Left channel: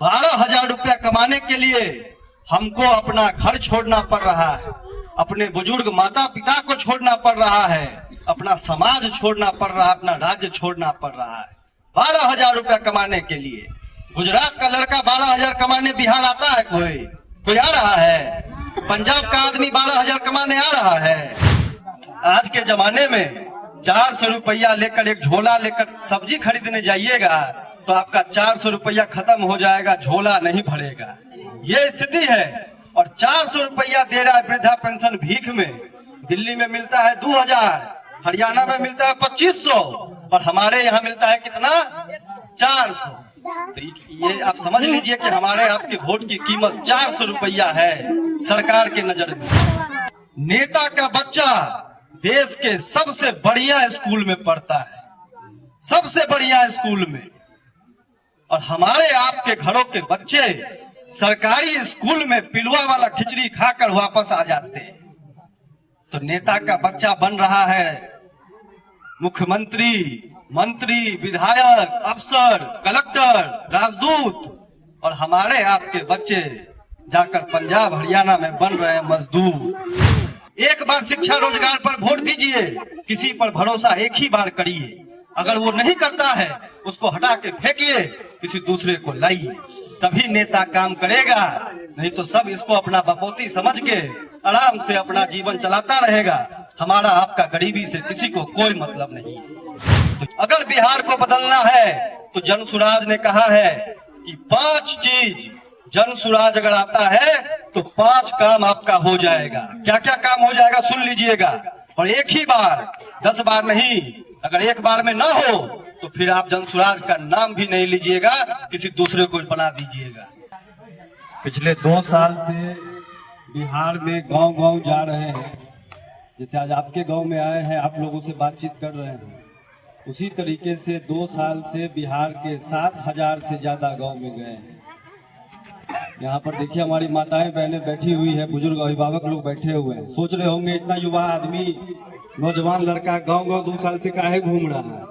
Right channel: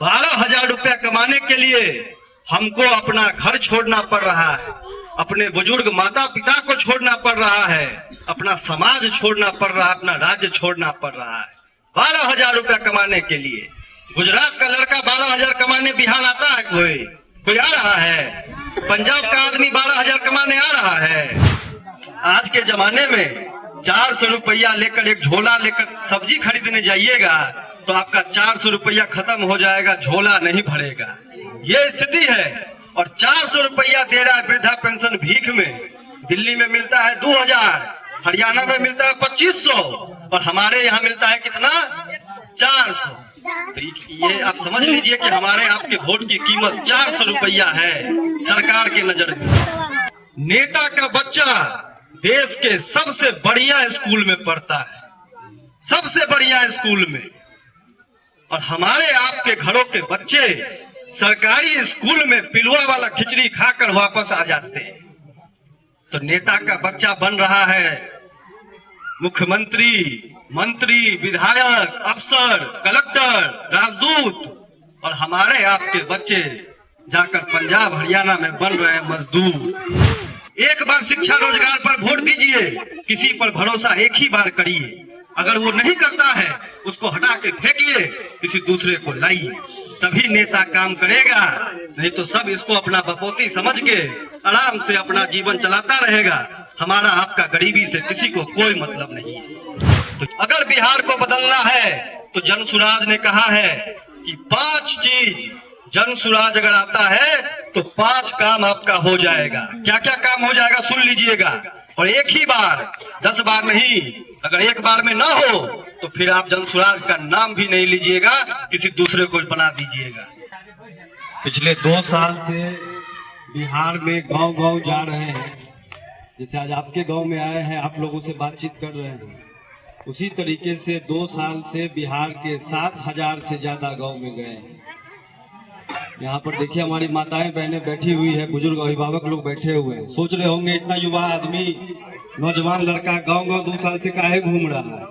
12,000 रुपया कमाने के लिए हमको अपना घर छोड़ना पड़ रहा है, अपने बुजुर्ग माता पिता को छोड़ना पड़ रहा है, अपना समाज छोड़ना पड़ रहा है, अपना राज्य छोड़ना पड़ रहा है 12,000 रुपया कमाने के लिए। गुजरात का लड़का 12,000 कमाने बिहार आता है? कोई आ रहा है? पंजाब का आदमी 12,000 कमाने आ रहा है? आज के जमाने में 400 रुपया लेकर एक झोला लेकर सब्जी खरीदने जाइएगा तो आपका 400 रुपया खत्म हो जाएगा, झोला नहीं भरेगा। ये स्थिति है। और 400 रुपया दे रहा है वृद्धा पेंशन भीख में। दिल्ली में मिलता है 2,000, हरियाणा में मिलता है 2,500 और हमारे यहाँ मिलता है कितना? 400। तो ये आप समझ लीजिए कि हमारे आपके वोट की कीमत 400 रुपया है सरकार के नजर में। नेता का बच्चा देश के सबसे बढ़िया स्कूल में पढ़ता है, सबसे बढ़िया स्कूल में, और हमारे आपके घरों के बच्चे सरकारी स्कूल में पिलुआ वाला खिचड़ी खाकर वापस आ जाते हैं। तो नेता का बच्चा बन रहा है मुख्यमंत्री, मंत्री, विधायक, अफसर, कलेक्टर, राजदूत, और हमारे आपके बच्चे जाकर पंजाब हरियाणा में बन रहे हैं मजदूर। एक बार शिक्षा रोजगार पर वोट दीजिए, किसी पर भरोसा एक ही बार करिए, अगर वो नहीं करता है उसको हटा के फेंकिए, किसी दूसरे को लाइए, तभी नेता काम करेगा। नहीं तो सब इसको अपना बपोती समझ के आराम से अपना जीवन चलाता रहेगा। हमारा आपका गरीबी से किसी को कोई मतलब नहीं है। तो अगर बिहार को बदलना है तो जनसुराज ने कहा है कि 5 चीज, जनसुराज अगर आता है तो 5 काम आपका हो जाएगा। क्या क्या काम हो जाएगा सुन लीजिएगा, और एक ही बार, 10 बार नहीं। अगर एक बार में ना हो तो फिर आप जनसुराज का नाम भी नहीं लीजिएगा, किसी दूसरे को बना दीजिएगा। पिछले 2 साल से बिहार में गांव-गांव जा रहे हैं, जैसे आज आपके गांव में आए हैं, आप लोगों से बातचीत कर रहे हैं, उसी तरीके से 2 साल से बिहार के 7,000 से ज्यादा गांव में गए हैं। यहाँ पर देखिए हमारी माताएं बहनें बैठी हुई है, बुजुर्ग अभिभावक लोग बैठे हुए हैं। सोच रहे होंगे इतना युवा आदमी, नौजवान लड़का गांव-गांव 2 साल से काहे घूम रहा है।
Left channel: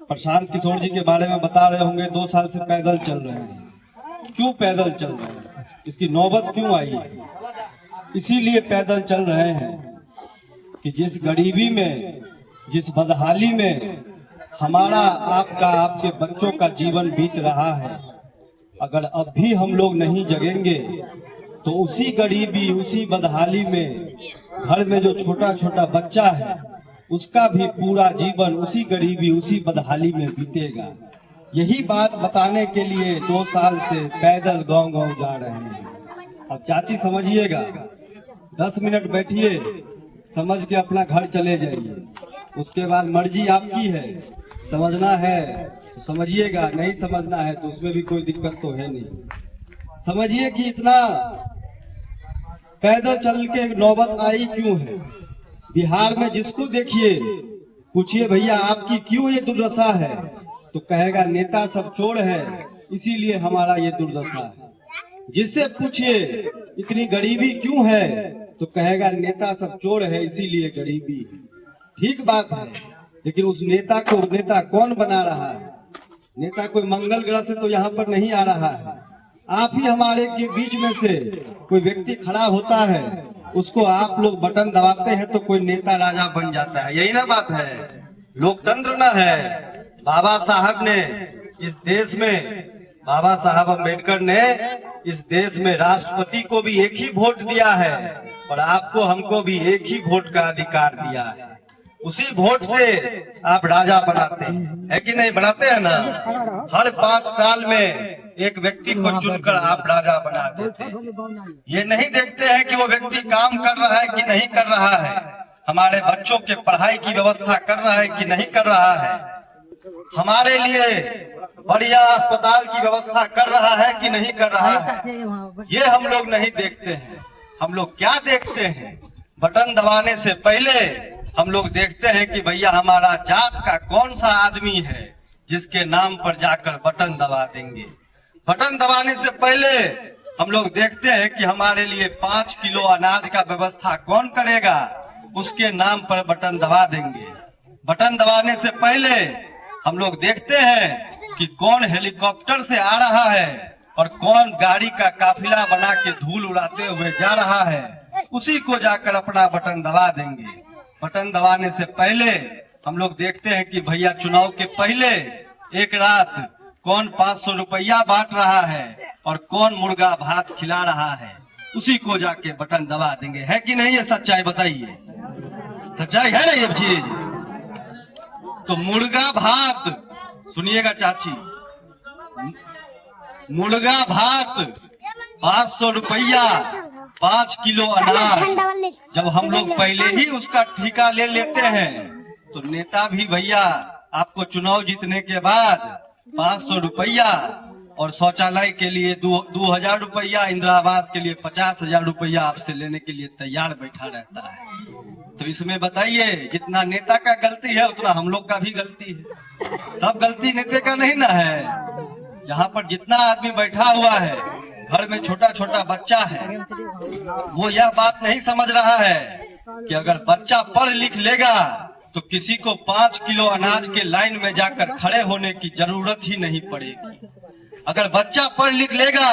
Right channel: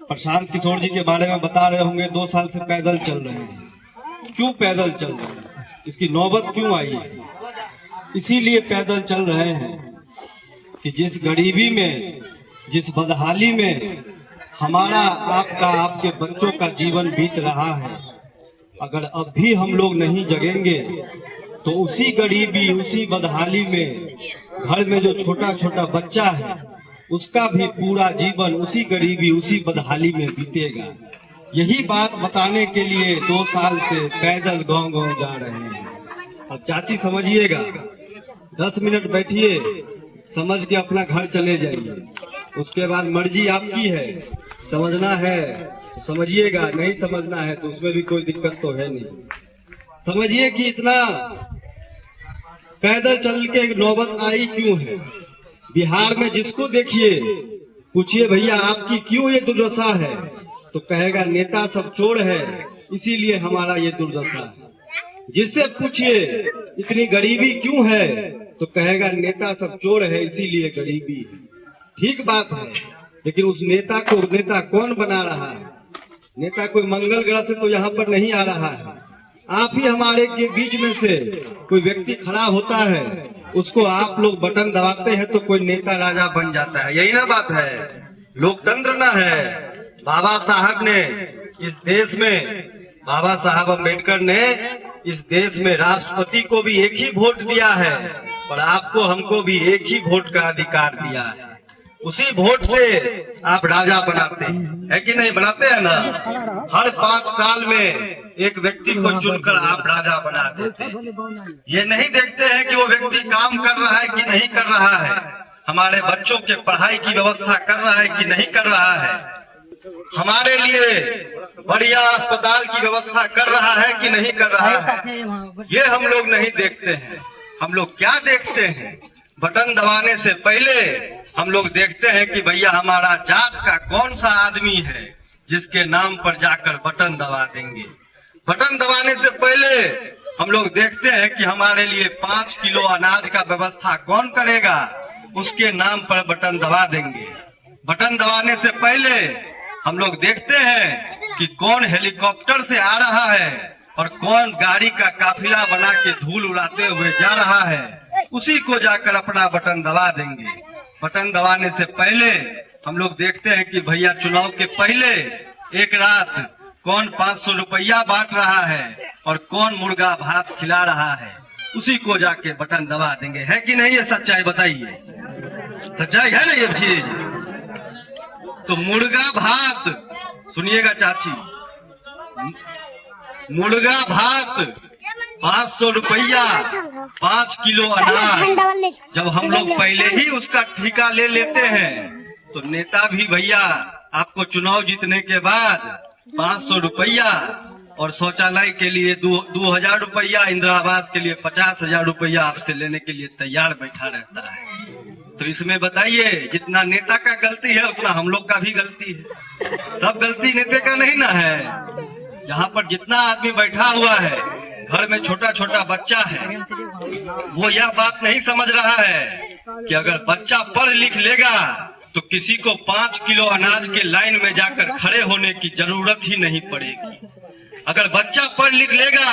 प्रशांत किशोर जी के बारे में बता रहे होंगे 2 साल से पैदल चल रहे हैं। क्यों पैदल चल रहे हैं, इसकी नौबत क्यों आई है? इसीलिए पैदल चल रहे हैं कि जिस गरीबी में, जिस बदहाली में हमारा आपका, आपके बच्चों का जीवन बीत रहा है, अगर अब भी हम लोग नहीं जगेंगे तो उसी गरीबी, उसी बदहाली में घर में जो छोटा छोटा बच्चा है उसका भी पूरा जीवन उसी गरीबी, उसी बदहाली में बीतेगा। यही बात बताने के लिए 2 साल से पैदल गांव-गांव जा रहे हैं। अब चाची समझिएगा, 10 मिनट बैठिए, समझ के अपना घर चले जाइए, उसके बाद मर्जी आपकी है। समझना है तो समझिएगा, नहीं समझना है तो उसमें भी कोई दिक्कत तो है नहीं। समझिए कि इतना पैदल चल के नौबत आई क्यों है। बिहार में जिसको देखिए, पूछिए भैया आपकी क्यों ये दुर्दशा है, तो कहेगा नेता सब चोर है इसीलिए हमारा ये दुर्दशा है। जिससे पूछिए इतनी गरीबी क्यों है, तो कहेगा नेता सब चोर है इसीलिए गरीबी है। ठीक बात है, लेकिन उस नेता को नेता कौन बना रहा है? नेता कोई मंगल ग्रह से तो यहाँ पर नहीं आ रहा है। आप ही हमारे के बीच में से कोई व्यक्ति खड़ा होता है, उसको आप लोग बटन दबाते हैं तो कोई नेता राजा बन जाता है। यही ना बात है, लोकतंत्र ना है। बाबा साहब ने इस देश में, बाबा साहब अम्बेडकर ने इस देश में राष्ट्रपति को भी एक ही वोट दिया है और आपको हमको भी एक ही वोट का अधिकार दिया है। उसी वोट से आप राजा बनाते हैं, है कि नहीं? बनाते हैं ना। हर 5 साल में एक व्यक्ति को चुनकर आप राजा बना देते हैं। ये नहीं देखते हैं कि वो व्यक्ति काम कर रहा है कि नहीं कर रहा है, हमारे बच्चों के पढ़ाई की व्यवस्था कर रहा है कि नहीं कर रहा है, हमारे लिए बढ़िया अस्पताल की व्यवस्था कर रहा है कि नहीं कर रहा है। ये हम लोग नहीं देखते हैं। हम लोग क्या देखते हैं? बटन दबाने से पहले हम लोग देखते हैं कि भैया हमारा जात का कौन सा आदमी है जिसके नाम पर जाकर बटन दबा देंगे। बटन दबाने से पहले हम लोग देखते हैं कि हमारे लिए 5 किलो अनाज का व्यवस्था कौन करेगा, उसके नाम पर बटन दबा देंगे। बटन दबाने से पहले हम लोग देखते हैं कि कौन हेलीकॉप्टर से आ रहा है और कौन गाड़ी का काफिला बना के धूल उड़ाते हुए जा रहा है, उसी को जाकर अपना बटन दबा देंगे। बटन दबाने से पहले हम लोग देखते हैं कि भैया चुनाव के पहले एक रात कौन 500 रुपया बांट रहा है और कौन मुर्गा भात खिला रहा है, उसी को जाके बटन दबा देंगे। है कि नहीं? ये सच्चाई बताइए, सच्चाई है ना ये चीज? तो मुर्गा भात, सुनिएगा चाची, मुर्गा भात 500 रुपया, 5 किलो अनाज, जब हम लोग पहले ही उसका ठेका ले लेते हैं तो नेता भी भैया आपको चुनाव जीतने के बाद 500 रुपया और शौचालय के लिए 2000 रुपया, इंदिरा आवास के लिए 50,000 रुपया आपसे लेने के लिए तैयार बैठा रहता है। तो इसमें बताइए, जितना नेता का गलती है उतना हम लोग का भी गलती है। सब गलती नेता का नहीं ना है। जहाँ पर जितना आदमी बैठा हुआ है, घर में छोटा छोटा बच्चा है, वो यह बात नहीं समझ रहा है कि अगर बच्चा पढ़ लिख लेगा तो किसी को 5 किलो अनाज के लाइन में जाकर खड़े होने की जरूरत ही नहीं पड़ेगी। अगर बच्चा पढ़ लिख लेगा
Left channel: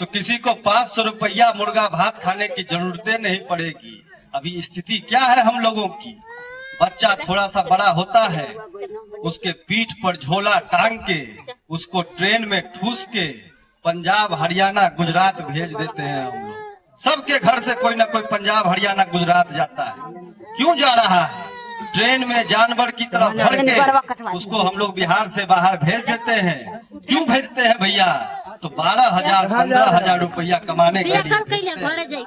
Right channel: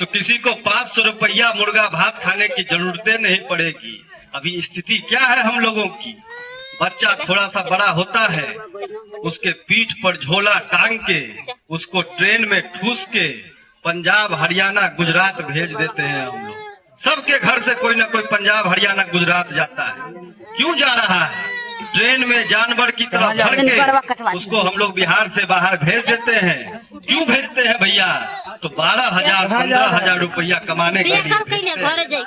तो किसी को 500 रुपया मुर्गा भात खाने की जरूरतें नहीं पड़ेगी। अभी स्थिति क्या है हम लोगों की? बच्चा थोड़ा सा बड़ा होता है, उसके पीठ पर झोला टांग के उसको ट्रेन में ठूस के पंजाब हरियाणा गुजरात भेज देते हैं हम लोग। सबके घर से कोई ना कोई पंजाब हरियाणा गुजरात जाता है। क्यों जा रहा है? ट्रेन में जानवर की तरह भर के उसको हम लोग बिहार से बाहर भेज देते हैं। क्यों भेजते हैं भैया? तो 12,000 15,000 रुपया कमाने के लिए भेजते हैं।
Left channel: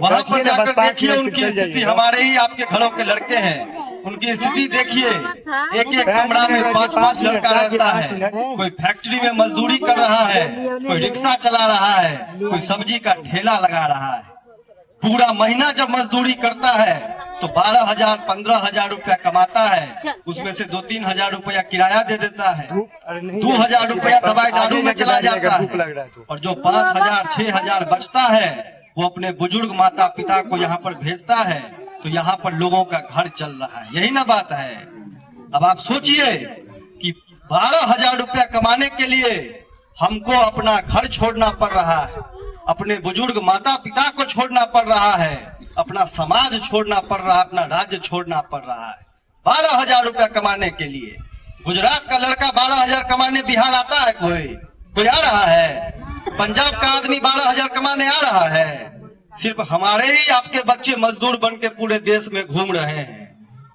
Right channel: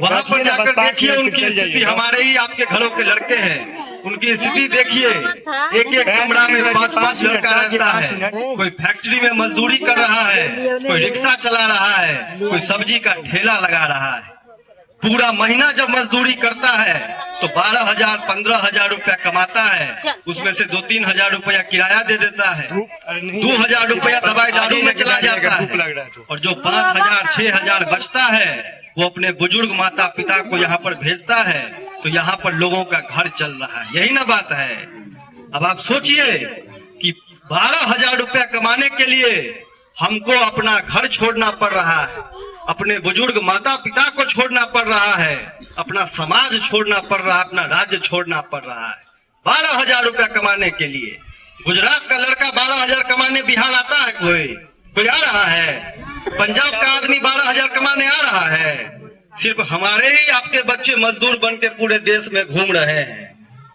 वहाँ पर जाकर देखिए उनकी स्थिति, हमारे ही आपके घरों के लड़के हैं, उनकी स्थिति देखिए। एक एक कमरा में 5-5 लड़का रहता है। कोई फैक्ट्री में मजदूरी कर रहा है, कोई रिक्शा चला रहा है, कोई सब्जी का ठेला लगा रहा है। पूरा महीना जब मजदूरी करता है तो 12,000 15,000 रुपया कमाता है। उसमें से 2-3 हजार रुपया किराया दे देता है, 2,000 रुपया दवाई दारू में चला जाता है, और जो 5,000 6,000 बचता है वो अपने बुजुर्ग माता पिता को यहाँ पर भेजता है। तो यहाँ पर लोगों का घर चल रहा है। यही ना बात है। अब आप सोचिए कि 12,000 रुपया कमाने के लिए हमको अपना घर छोड़ना पड़ रहा है, अपने बुजुर्ग माता पिता को छोड़ना पड़ रहा है, अपना समाज छोड़ना पड़ रहा है, अपना राज्य छोड़ना पड़ रहा है 12,000 रुपया कमाने के लिए। गुजरात का लड़का 12,000 कमाने बिहार आता है? कोई आ रहा है? पंजाब का आदमी 12,000 कमाने आ रहा है? सिर्फ हमारे ही आपके बच्चे मजदूर बन के पूरे देश में घूम रहे हैं।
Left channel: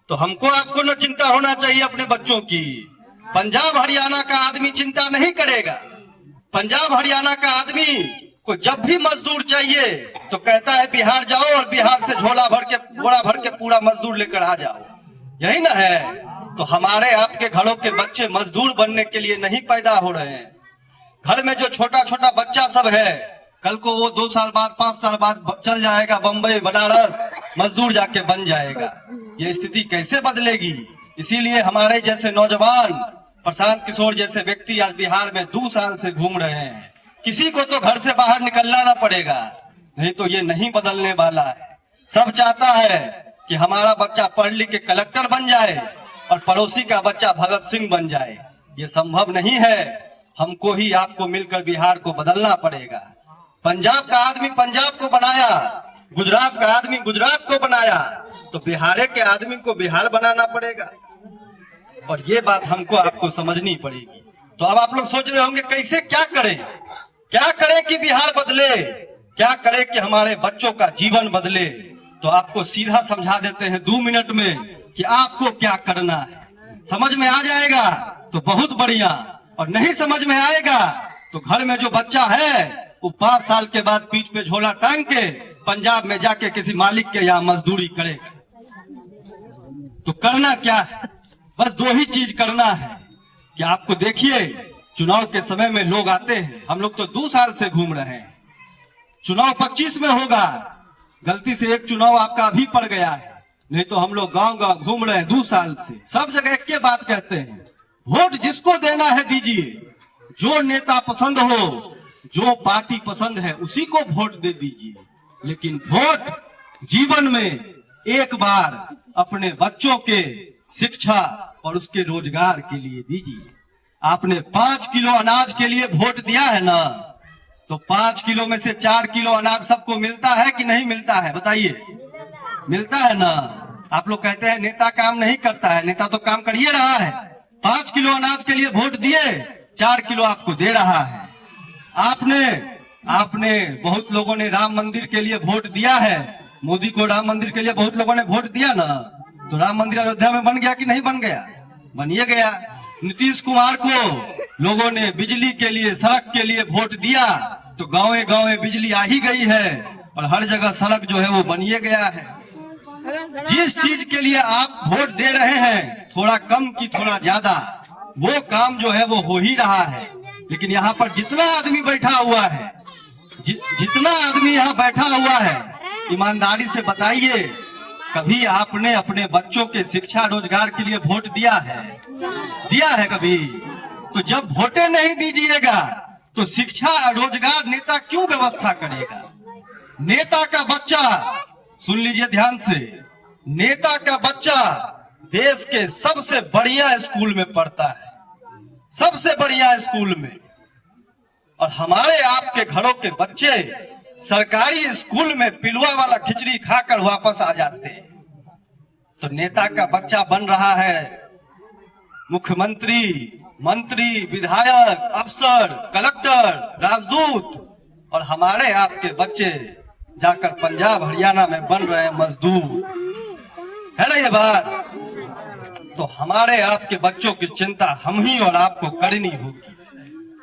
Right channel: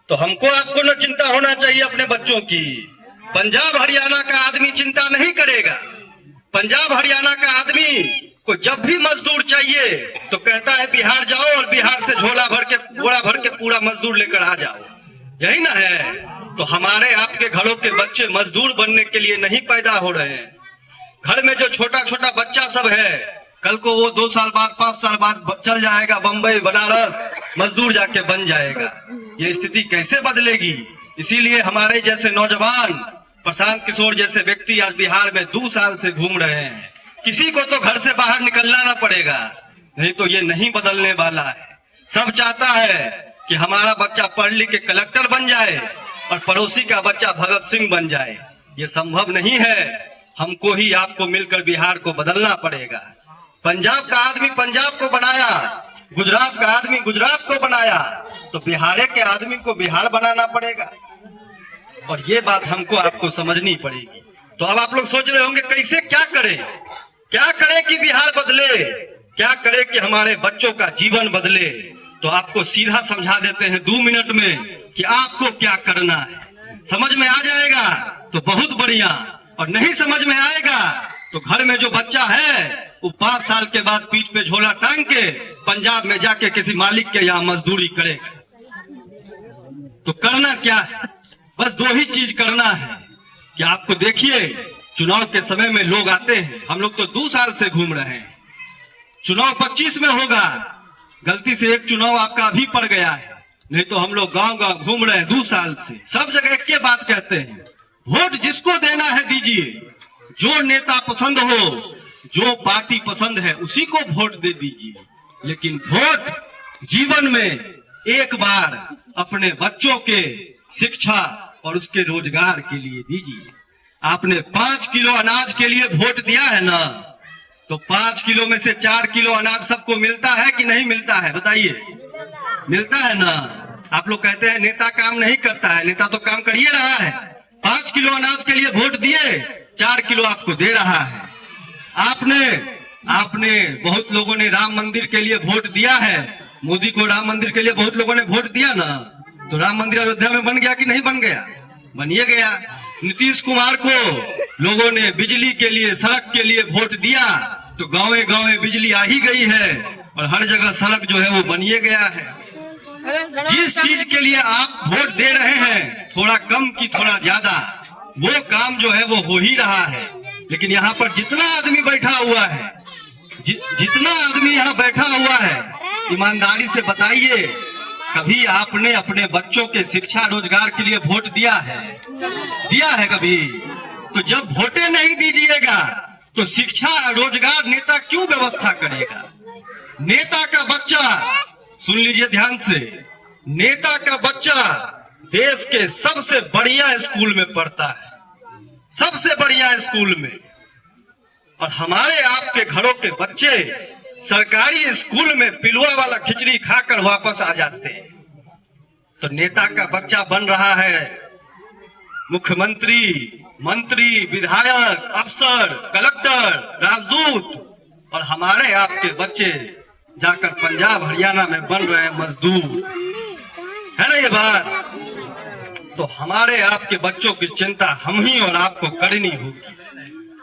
तो हमको आपको न चिंता होना चाहिए अपने बच्चों की। पंजाब हरियाणा का आदमी चिंता नहीं करेगा। पंजाब हरियाणा का आदमी को जब भी मजदूर चाहिए तो कहता है बिहार जाओ और बिहार से बोरा भर के पूरा मजदूर लेकर आ जाओ। यही ना है? तो हमारे आपके घरों के बच्चे मजदूर बनने के लिए नहीं पैदा हो रहे हैं। घर में जो छोटा छोटा बच्चा सब है, कल को वो 2 साल बाद 5 साल बाद चल जाएगा बम्बई बनारस, मजदूर जाके बन जाएगा। ये स्थिति कैसे बदलेगी? इसीलिए हमारे जैसे नौजवान, प्रशांत किशोर जैसे व्यक्ति आज बिहार में 2 साल से घूम रहे हैं। किसी को तो घर से बाहर निकलना ना पड़ेगा, नहीं तो ये नहीं बदलने वाला है। सब चाहता है कि हमारा बच्चा पढ़ लिख के कलेक्टर बन जाए और पड़ोसी का बच्चा भगत सिंह बन जाए। ये संभव नहीं है। हमको ही आपको मिलकर बिहार को बदलना पड़ेगा। पंजाब का आदमी पंजाब को बनाया, गुजरात का आदमी गुजरात को बनाया, तो बिहार के आदमी को बिहार बनाना पड़ेगा। और ये बात हमको आपको समझनी पड़ेगी। तो अब आप लोग सोच रहे होंगे कैसे, क्या करें कि बिहार बदले, क्या करें कि हमारे बच्चों का जीवन बदले। तो आपको सीधा समझा देते हैं 2 मिनट में कि आपको क्या करना है। समझ में आ जाएगा तो बहुत बढ़िया, और नहीं समझ में आएगा तो घर में जो बच्चा है वो 5 साल के बाद पीठ पे झोला टांग के पंजाब में जाके किसी मालिक के यहाँ मजदूरी करेगा। तो करना क्या है? बस 2 ही चीज करना है कि आपको देखिए, चुनाव के समय में लोग आते हैं। हम लोग तो 2 साल से घूम रहे हैं। चुनाव 25 में होगा। गलती से एक चुनाव आपका अभी पड़ गया है, नहीं तो हम लोग गांव गांव घूम रहे हैं 2 साल से। सब जगह एक के बात कहते हैं, वोट जिसको देना है दीजिए, जो नेता पसंद हो, जो पार्टी पसंद है उसी को वोट दे दीजिए। लेकिन वोट जीवन में एक बार अपने बच्चों के शिक्षा और उसके रोजगार के लिए दीजिए। आपने 5 किलो अनाज के लिए वोट दिया है ना, तो 5 किलो में से 4 किलो अनाज सबको मिलता है कि नहीं मिलता है? बताइए, मिलता है ना? आप लोग कहते हैं नेता काम नहीं करता है, नेता तो काम कर ही रहा है। 5 किलो अनाज के लिए वोट दिए, 4 किलो आपको दे रहा है। आपने बहुत लोगों ने राम मंदिर के लिए वोट दिया है, मोदी को राम मंदिर के लिए बहुत लोगों ने वोट दिया ना, तो राम मंदिर अयोध्या में बन गया कि नहीं बन गया? बनिए गया। नीतीश कुमार को लोगों ने बिजली के लिए, सड़क के लिए वोट दिया, तो गांवे गांवे बिजली आ ही गई है और हर जगह सड़क जो है वो बनिए गया है। जिस चीज के लिए आप वोट दे रहे हैं, थोड़ा कम की थोड़ा ज्यादा, वो काम जो है वो हो ही रहा है। लेकिन यहाँ पर जितना आदमी बैठा हुआ है, जितना आदमी यहाँ बैठा हुआ है, ईमानदारी से बताइए, कभी आपने अपने बच्चों के शिक्षा रोजगार के लिए वोट दिया है? दिया है कभी? तो जब वोटे नहीं दीजिएगा तो शिक्षा रोजगार नेता क्यों व्यवस्था करेगा? नेता का बच्चा, सुन लीजिए ध्यान से, नेता का बच्चा देश के सबसे बढ़िया स्कूल में पढ़ता है, सबसे बढ़िया स्कूल में, और हमारे आपके घरों के बच्चे सरकारी स्कूल में पिलुआ वाला खिचड़ी खाकर वापस आ जाते हैं। तो नेता का बच्चा बन रहा है मुख्यमंत्री, मंत्री, विधायक, अफसर, कलेक्टर, राजदूत, और हमारे आपके बच्चे जाकर पंजाब हरियाणा में बन रहे हैं मजदूर। है ना ये बात? तो हमारे आपके बच्चों की चिंता हम ही और आपको करनी होगी।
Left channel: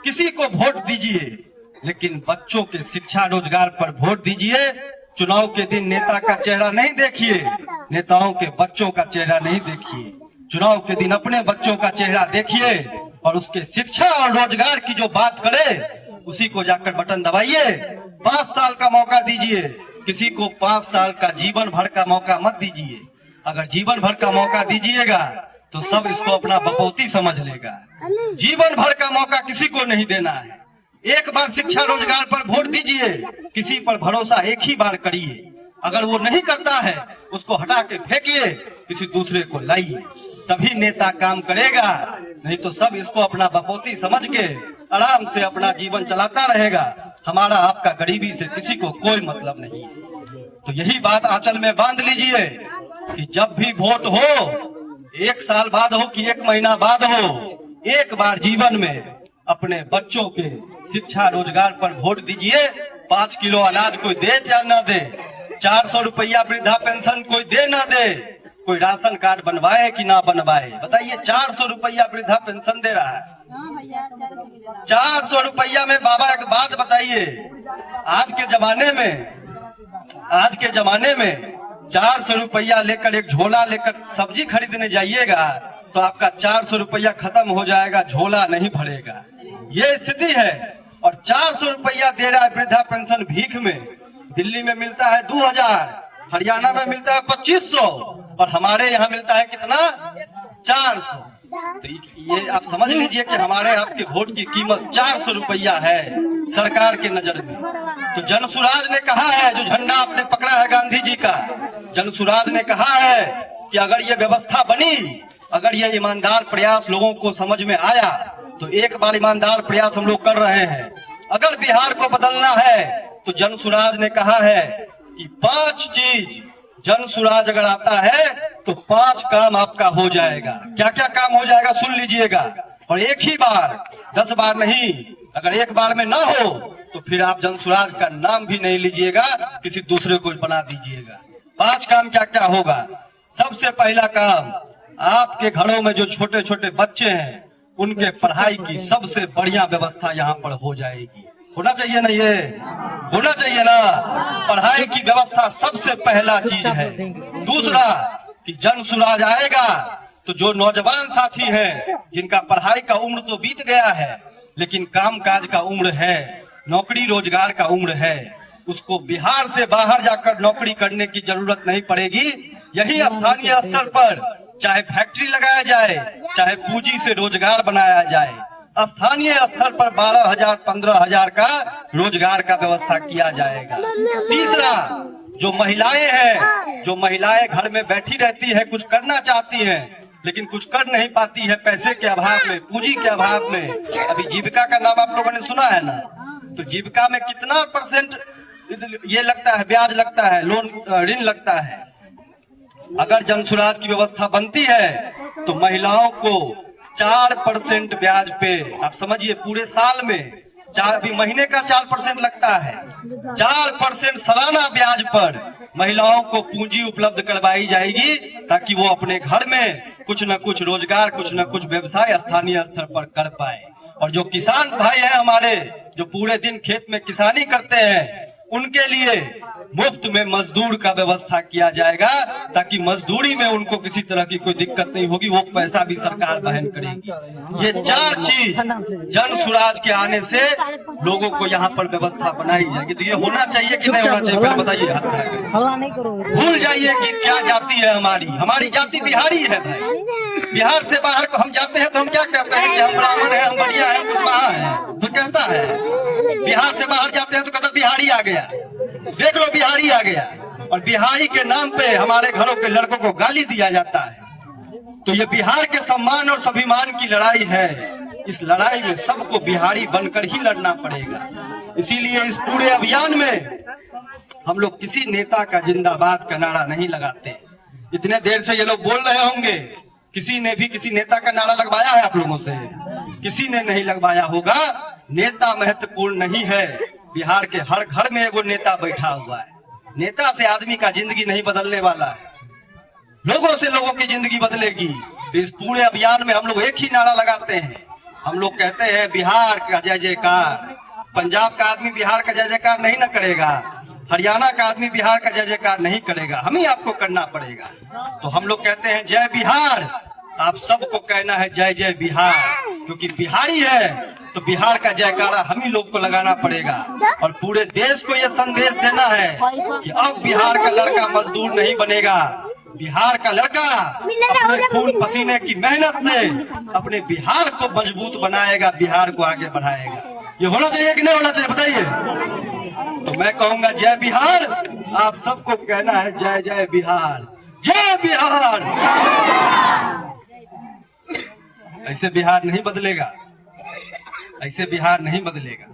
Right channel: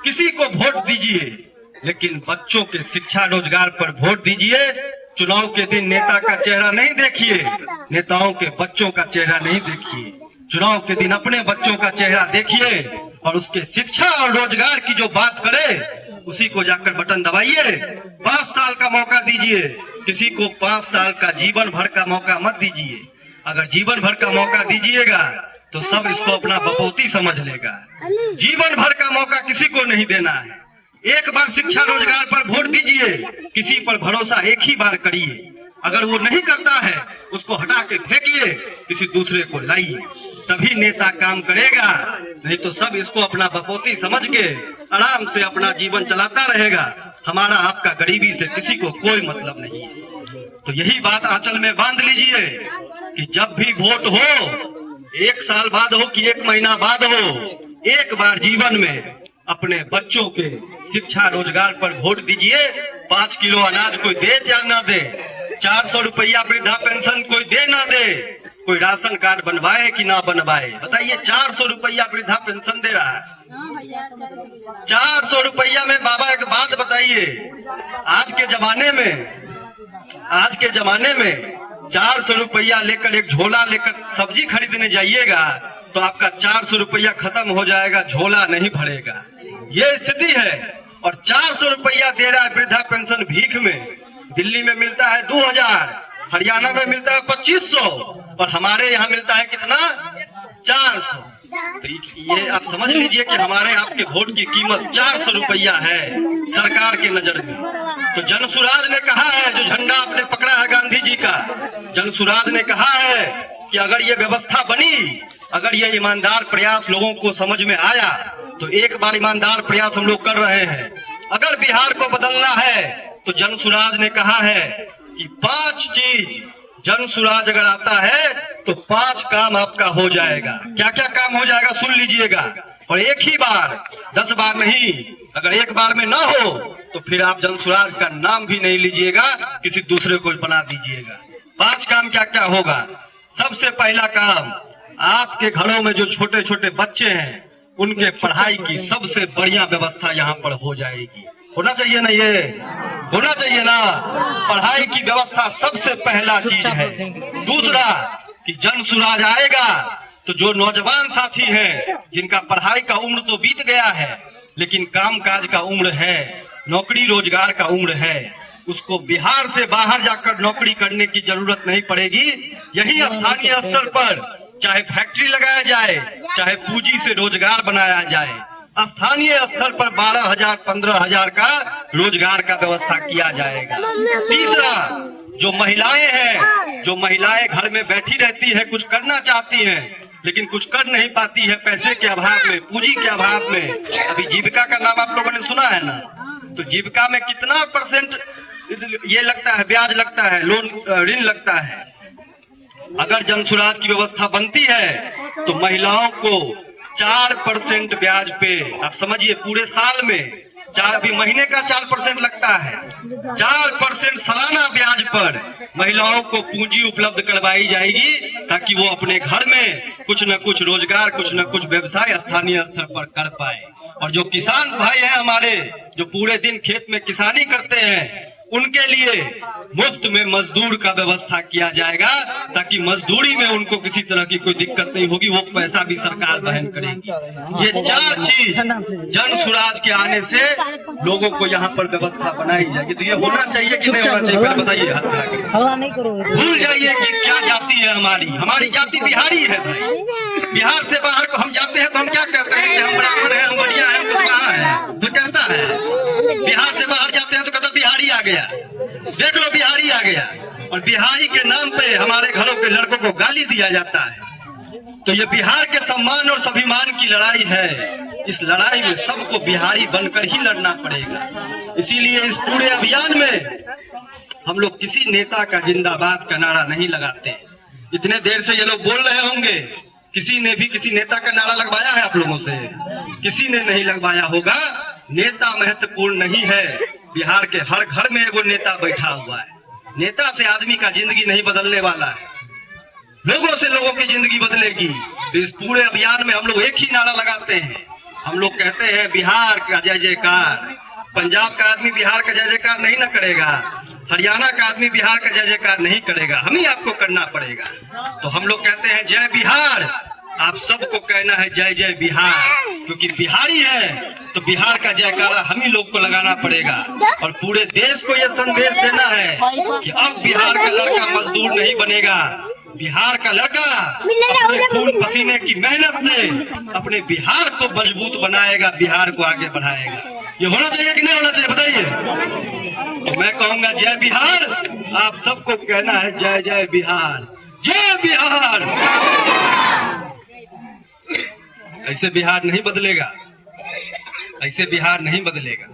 किसी को वोट दीजिए, लेकिन बच्चों के शिक्षा रोजगार पर वोट दीजिए। चुनाव के दिन नेता का चेहरा नहीं देखिए, नेताओं के बच्चों का चेहरा नहीं देखिए। चुनाव के दिन अपने बच्चों का चेहरा देखिए और उसके शिक्षा और रोजगार की जो बात करे उसी को जाकर बटन दबाइए। 5 साल का मौका दीजिए, किसी को 5 साल का जीवन भर का मौका मत दीजिए। अगर जीवन भर का मौका दीजिएगा तो सब इसको अपना बपौती समझ लेगा। जीवन भर का मौका किसी को नहीं देना है। एक बार शिक्षा रोजगार पर वोट दीजिए, किसी पर भरोसा एक ही बार करिए। अगर वो नहीं करता है उसको हटा के फेंकिए, किसी दूसरे को लाइए, तभी नेता काम करेगा। नहीं तो सब इसको अपना बपौती समझ के आराम से अपना जीवन चलाता रहेगा। हमारा आपका गरीबी से किसी को कोई मतलब नहीं है। तो यही बात आंचल में बांध लीजिए कि जब भी वोट हो, 1 साल बाद हो कि 1 महीना बाद हो, एक बार जीवन में अपने बच्चों के शिक्षा रोजगार पर वोट दीजिए। 5 किलो अनाज कोई दे या ना दे, 400 रुपया वृद्धा पेंशन कोई दे ना दे, कोई राशन कार्ड बनवाए कि ना बनवाए, बताइए। 400 रुपया वृद्धा पेंशन दे रहा है। 400 रुपया में बाबा एक बात बताइए, आज के जमाने में 400 रुपया लेकर एक झोला लेकर सब्जी खरीदने जाइएगा तो आपका 400 रुपया खत्म हो जाएगा, झोला नहीं भरेगा। ये स्थिति है। और 400 रुपया दे रहा है वृद्धा पेंशन भीख में। दिल्ली में मिलता है 2000, हरियाणा में मिलता है 2500, और हमारे यहाँ मिलता है कितना? 400। तो ये आप समझ लीजिए कि हमारे आपके वोट की कीमत 400 रुपया है सरकार के नजर में। तो जनसुराज ने कहा है, जो झंडा आपने पकड़ा है गांधी जी का, जनसुराज ने कहा है कि अगर ये व्यवस्था बनी, अगर ये ईमानदार प्रयास लोगों को समझ में आया, तो एक बार ईमानदार प्रयास हम लोग कर रहे हैं। अगर बिहार को बदलना है तो जनसुराज ने कहा है कि 5 चीज, जनसुराज अगर आता है तो 5 काम आपका हो जाएगा। क्या क्या काम हो जाएगा सुन लीजिएगा, और एक ही बार, 10 बार नहीं। अगर एक बार में ना हो तो फिर आप जनसुराज का नाम भी नहीं लीजिएगा, किसी दूसरे को बना दीजिएगा। 5 काम क्या क्या होगा? सबसे पहला काम, आपके घरों में जो छोटे छोटे बच्चे हैं उनके पढ़ाई की सबसे बढ़िया व्यवस्था यहाँ पर हो जाएगी। होना चाहिए ना? ये होना चाहिए ना? पढ़ाई की व्यवस्था सबसे पहला चीज है। दूसरा कि जनसुराज आएगा तो जो नौजवान साथी हैं जिनका पढ़ाई का उम्र तो बीत गया है लेकिन कामकाज का उम्र है, नौकरी रोजगार का उम्र है, उसको बिहार से बाहर जाकर नौकरी करने की जरूरत नहीं पड़ेगी। यही स्थानीय स्तर पर चाहे फैक्ट्री लगाया जाए, चाहे पूंजी से रोजगार बनाया जाए, स्थानीय स्तर पर 12,000 15,000 का रोजगार का व्यवस्था किया जाएगा। तीसरा, जो महिलाएं हैं, जो महिलाएं घर में बैठी रहती है, कुछ करना चाहती हैं लेकिन कुछ कर नहीं पाती है, पैसे के अभाव में, पूंजी के अभाव में। अभी जीविका का नाम आप लोगों ने सुना है ना? तो जीविका में कितना परसेंट ये लगता है, ब्याज लगता है, लोन ऋण लगता है। अगर जन सुराज की व्यवस्था बनती है तो महिलाओं को 4% ब्याज पे, आप समझिए पूरे साल में 4 भी महीने का 4% लगता है, 4% सालाना ब्याज पर महिलाओं को पूंजी उपलब्ध करवाई जाएगी ताकि वो अपने घर में कुछ न कुछ रोजगार, कुछ न कुछ व्यवसाय स्थानीय स्तर पर कर पाए। और जो किसान भाई हैं हमारे, जो पूरे दिन खेत में किसानी करते हैं, उनके लिए मुफ्त में मजदूर का व्यवस्था किया जाएगा ताकि मजदूरी में उनको किसी तरह की कोई दिक्कत नहीं होगी, वो पैसा भी सरकार वहन करेगी। ये 4 चीज जन सुराज के आने से लोगों को यहाँ पर व्यवस्था बनाई जाएगी। तो ये होना चाहिए कि नहीं होना चाहिए, फिर बताइए। भूल जाइए कि क्या जाति है हमारी जाति बिहारी है भाई। बिहार से बाहर को हम जाते हैं तो हम क्या कहते हैं कि हम ब्राह्मण हैं, हम बढ़िया हैं, हम कुशवाहा हैं, तो कहता है। बिहार से बाहर जाते हैं तो कहता बिहारी आ गया, देख लो बिहारी आ गया। और बिहारी के नाम पे हमारे घरों के लड़कों को गाली दिया जाता है। तो ये बिहार के सम्मान और स्वाभिमान की लड़ाई है। इस लड़ाई में सबको बिहारी बनकर ही लड़ना पड़ेगा। इसीलिए इस पूरे अभियान में हम लोग किसी नेता का जिंदाबाद का नारा नहीं लगाते। इतने देर से ये लोग बोल रहे होंगे, किसी ने भी किसी नेता का नारा लगवाया है आप लोगों से? किसी ने नहीं लगवाया होगा। नेता महत्वपूर्ण नहीं है। बिहार के हर घर में एगो नेता बैठा हुआ है। नेता से आदमी का जिंदगी नहीं बदलने वाला है, लोगों से लोगों की जिंदगी बदलेगी। तो इस पूरे अभियान में हम लोग एक ही नारा लगाते हैं। हम लोग कहते हैं बिहार का जय जयकार। पंजाब का आदमी बिहार का जय जयकार नहीं न करेगा, हरियाणा का आदमी बिहार का जय जयकार नहीं करेगा, हम ही आपको करना पड़ेगा। तो हम लोग कहते हैं जय बिहार, आप सबको कहना है जय जय बिहार, क्योंकि बिहारी है तो बिहार का जयकारा हम ही लोग को लगाना पड़ेगा। और पूरे देश को यह संदेश देना है कि अब बिहार का लड़का मजदूर नहीं बनेगा। बिहार का लड़का अपने खून पसीने की मेहनत से अपने बिहार को मजबूत बनाएगा, बिहार को आगे बढ़ाएगा। ये होना चाहिए कि नहीं होना चाहिए, बताइए। तो मैं कहूंगा जय बिहार, आप सबको कहना है जय जय बिहार, जय बिहार। ऐसे बिहार नहीं बदलेगा, ऐसे बिहार नहीं बदलेगा।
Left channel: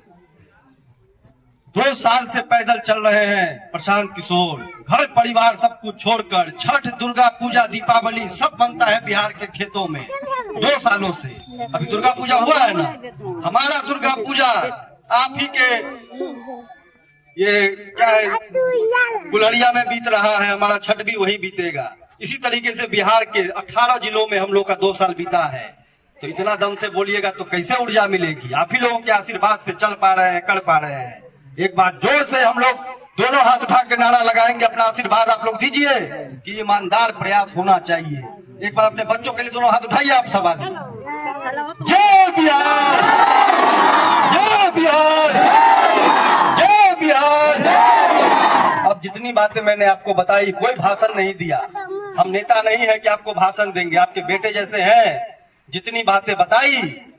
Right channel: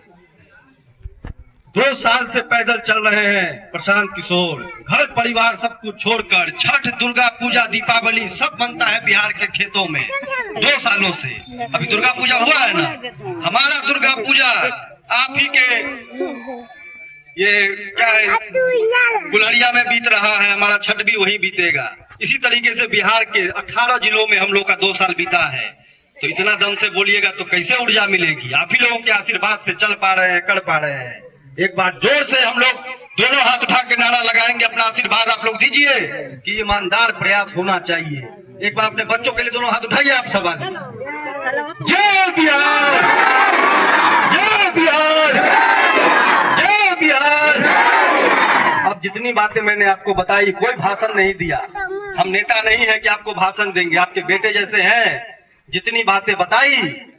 2 साल से पैदल चल रहे हैं प्रशांत किशोर, घर परिवार सब कुछ छोड़कर। छठ, दुर्गा पूजा, दीपावली सब बनता है बिहार के खेतों में 2 सालों से। अभी दुर्गा पूजा हुआ है ना, हमारा दुर्गा पूजा आप ही के ये क्या है गुलरिया में बीत रहा है, हमारा छठ भी वहीं बीतेगा। इसी तरीके से बिहार के 18 जिलों में हम लोग का 2 साल बीता है। तो इतना दम से बोलिएगा तो कैसे ऊर्जा मिलेगी? आप ही लोगों के आशीर्वाद से चल पा रहे हैं, कर पा रहे हैं। एक बार जोर से हम लोग दोनों हाथ उठा के नारा लगाएंगे, अपना आशीर्वाद आप लोग दीजिए कि ईमानदार प्रयास होना चाहिए। एक बार अपने बच्चों के लिए दोनों हाथ उठाइए आप सब आगे। जय बिहार, जय बिहार, जय बिहार। अब जितनी बातें मैंने आपको बताई, कोई भाषण नहीं दिया। हम नेता नहीं है कि आपको भाषण देंगे, आपके बेटे जैसे हैं। जितनी बातें बताई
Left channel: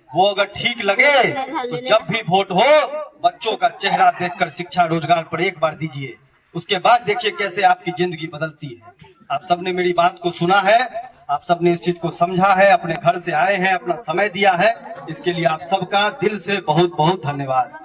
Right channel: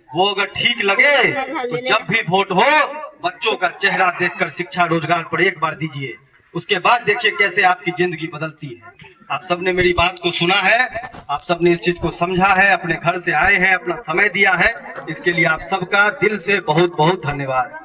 वो अगर ठीक लगे तो जब भी वोट हो बच्चों का चेहरा देखकर शिक्षा रोजगार पर एक बार दीजिए, उसके बाद देखिए कैसे आपकी जिंदगी बदलती है। आप सबने मेरी बात को सुना है, आप सबने इस चीज को समझा है, अपने घर से आए हैं, अपना समय दिया है, इसके लिए आप सबका दिल से बहुत बहुत धन्यवाद।